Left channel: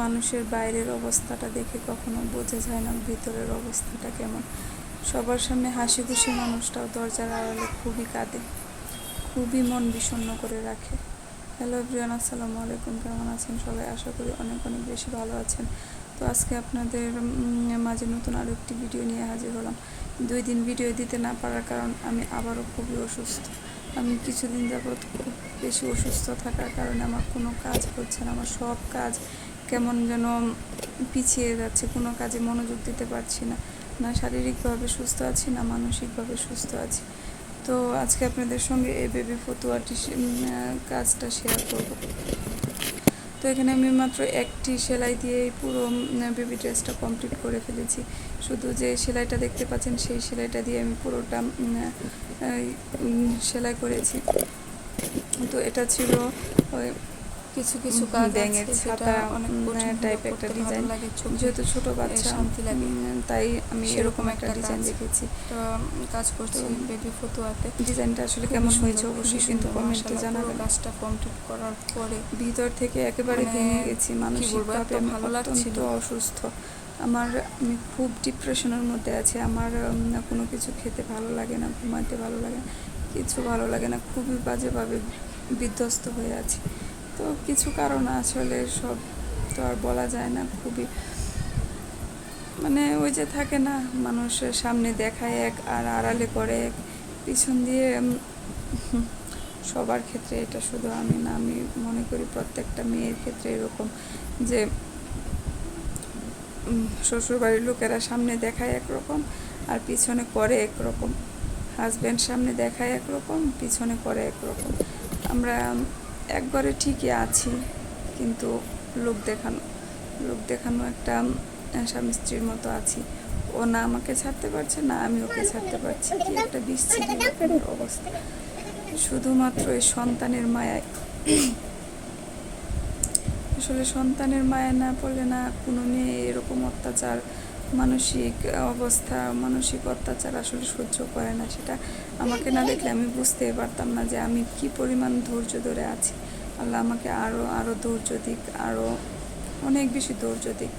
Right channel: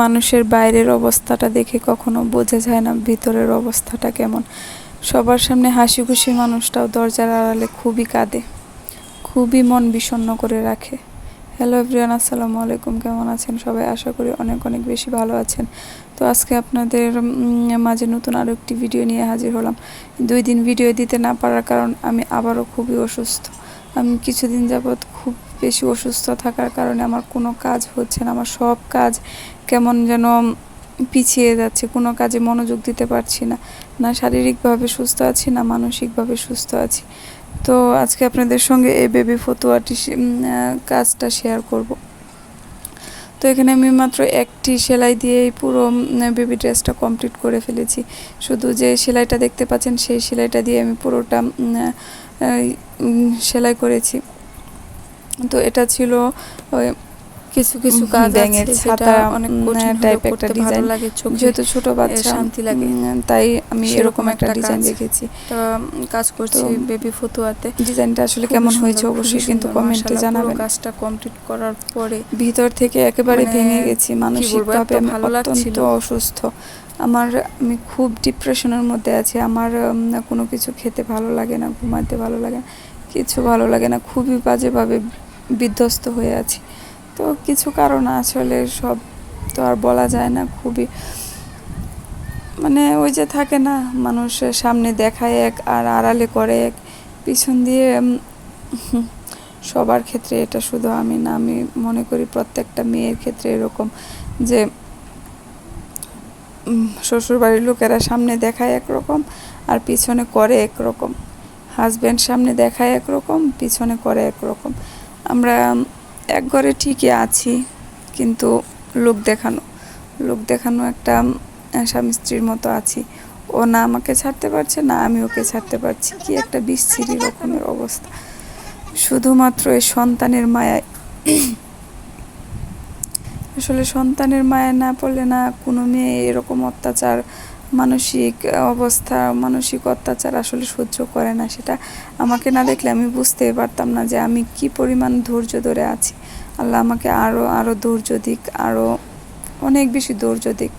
মানুষের বাইরের অবস্থাটা দেখে কখনো বোঝা যায় না ভিতরের অবস্থাটা কেমন। সবার সামনে হাসি খুশি মানুষটাও দরজার আড়ালে খুবই কাঁদে, খুবই মন বিষণ্ণ করে রাখে। হ্যালো এভরিওয়ান, আসসালামু আলাইকুম। কেমন আছেন সবাই? আশা করি অনেক অনেক বেশি ভালো আছেন। তো আজকে আপনাদের মাঝে নতুন আরও একটি ভিডিও নিয়ে হাজির হলাম। 2 দিন ভিডিও দিতে না পারার কারণ আমি আবারও খুবই অসুস্থ। আমি কিছুদিন যাবৎ খুব বেশি অসুস্থ থাকার কারণে আমার কোনো কাজ হচ্ছে না। আমার সব কাজ কেমন যেন পিছিয়ে যাচ্ছে, কোনো কাজে মনোযোগ দিতে পারছি না। না শারীরিকভাবে সুস্থ আছি, না মানসিকভাবে সুস্থ আছি। তো আজকে আপনাদের সঙ্গে এই বেবি ফতুয়াটি কাজটা শেয়ার করব। তো এখানে আমি মাত্র একটি সেলাই দিয়েই পুরো বেবি ড্রেসটা কমপ্লিট করে ফেলেছি। শুধু যে সেলাইটা দেখতে পাচ্ছেন সেই সেলাইটা দিয়ে আমি পুরোটা সেলাই করেছি। তো এটা ছিল কিছু কিছু কাজ ব্যাঙের ছাতা অনেক টাইপ একটা ডিজাইন লাগে, যেহেতু ছোট বাচ্চা শান্তি লাগে, তাই আমি এরকম একটা ডিজাইন রেখেছি। কাজ করছি বেবি ফতুয়াতে। ডিজাইনটা আসলে কেমন হয়েছে অবশ্যই কিন্তু কমেন্টে জানাবেন। কাজটা কমপ্লিট করার পরে ভিতর থেকে একেবারে ভেঙে গেছি, মানসিকভাবে আমি অত্যন্ত অসুস্থ। আমি খুব ডিপ্রেশনের মধ্যে আছি। আমার কোনো কিছু খেতে ভালো লাগে না, ঘুমাতে ভালো লাগে না, কিছু ভালো লাগে না, খুবই বাজেভাবে বিধ্বস্ত হয়ে আছি। তো কিছু কারণ আসলে সব তো আর বলা যায় না। খুবই ওই যে থাকে না, মানুষের সামনে দেখায় এক আর আড়ালে করে এক, পিছন দিয়ে সবার ক্ষেত্রে এটা শুধু আমি না, আমি মনে করি প্রত্যেকটা মেয়ের ক্ষেত্রে এরকম যে শ্বশুরবাড়ির লোকেরা সামনে দেখায় একরকম আর পিছনে করে একরকম। হাজব্যান্ড সামনে দেখায় একরকম, পিছনে করে একরকম। আমরা এক ঘরে ঠিকই আছি, কিন্তু লোক দেখানো একটা স্বামী স্ত্রীর মতো আছি। ও না আমাকে ছাড়তে পারছে, না আমি ওকে ছাড়তে পারছি। কি একটা বিচ্ছিরি রকমের অবস্থা, শুধুমাত্র এই সন্তানের মায়ায়। আসলে সন্তানের মায়া না পড়লে না কোনো মেয়ে এরকম অত্যাচার, মানসিক অত্যাচার আসলে সহ্য করে না। সেটা আমাকে না দেখলে আমি বুঝতেই পারতাম না যে আমি কি পরিমাণ ধৈর্য ধরে আছি। আল্লাহ আমাকে আরও ধৈর্য দিক, আরও অনেক বেশি ধৈর্য দিক,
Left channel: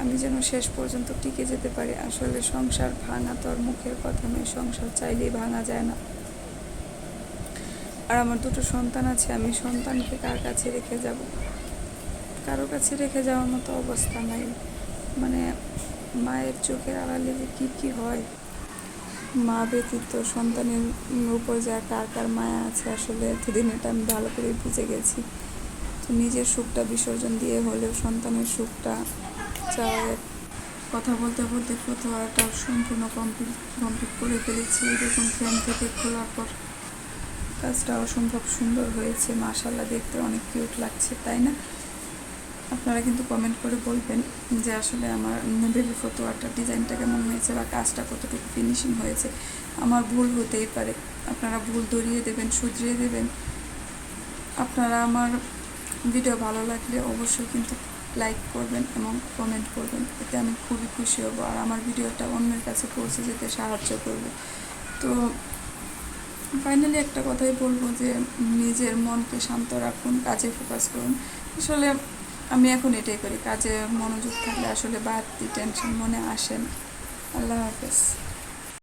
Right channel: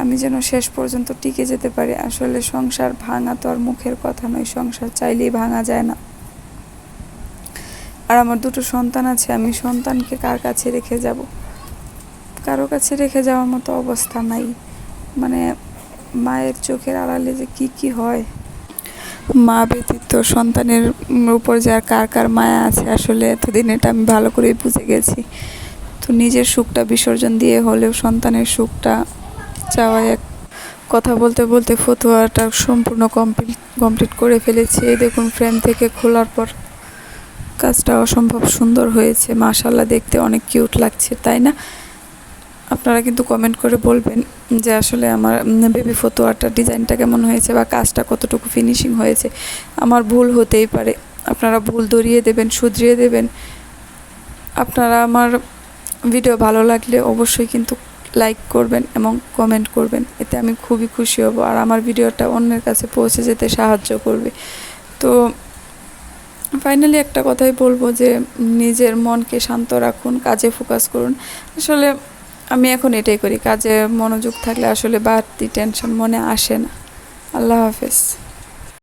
আমি যেন শেষ পর্যন্ত টিকে যেতে পারি। আসলে সংসার ভাঙা তো আর মুখের কথা নয়, সংসার চাইলেই ভাঙা যায় না। আর আমার 2টো সন্তান আছে, আমি সন্তানকে কার কাছে রেখে যাব? কারো কাছে রেখে যাওয়ার মতো অবস্থা নাই। মায়ের চোখের আড়ালে যে কি হয়, মা ব্যতীত সন্তানের উপর যে আর কার মায়া আছে, আসলে এতদিন এটা আমি ভালো করেই বুঝে গেছি। তো নিজের সুখটা বিসর্জন দিয়ে হলেও সন্তানের সুখটা চাওয়া এক। কথা বলতে বলতে ফতুয়াটা সম্পূর্ণ কমপ্লিট করে ফেলেছি। এই দেখুন, ফ্রেম থেকে খোলার পর কাজটা অসম্ভব সুন্দর হয়েছে। মাশাআল্লাহ, দেখতে অনেক কিউট লাগছে, তাই না? আপনারা কিন্তু কমেন্ট করে বলবেন যে আসলে আমার বেবি ফতুয়াটার ডিজাইনটা কেমন হয়েছে বা কাজটা কতটুকু ফিনিশিং হয়েছে। আমার ভুল হতেই পারে, আপনারা ভুল ধরিয়ে দেবেন, শুধরিয়ে দেবেন। আপনারা আমার ভিডিও ভালো লাগলে অবশ্যই কিন্তু লাইক করবেন এবং কমেন্ট করবেন, এতে আমি খুবই খুশি হব আর আমার ভিডিওটা অন্যের কাছে পৌঁছে যেতে সাহায্য করবে। তো ফাইনালি একটা কথাই বলবো যে নিজের মনকে শান্ত রাখুন, কাজে ফোকাস করুন। আসলে আমি এখন এটাই করি, কাজে মনোযোগ থাকলে আসলে বাড়তি টেনশন মনে আসে না। আল্লাহ হাফেজ।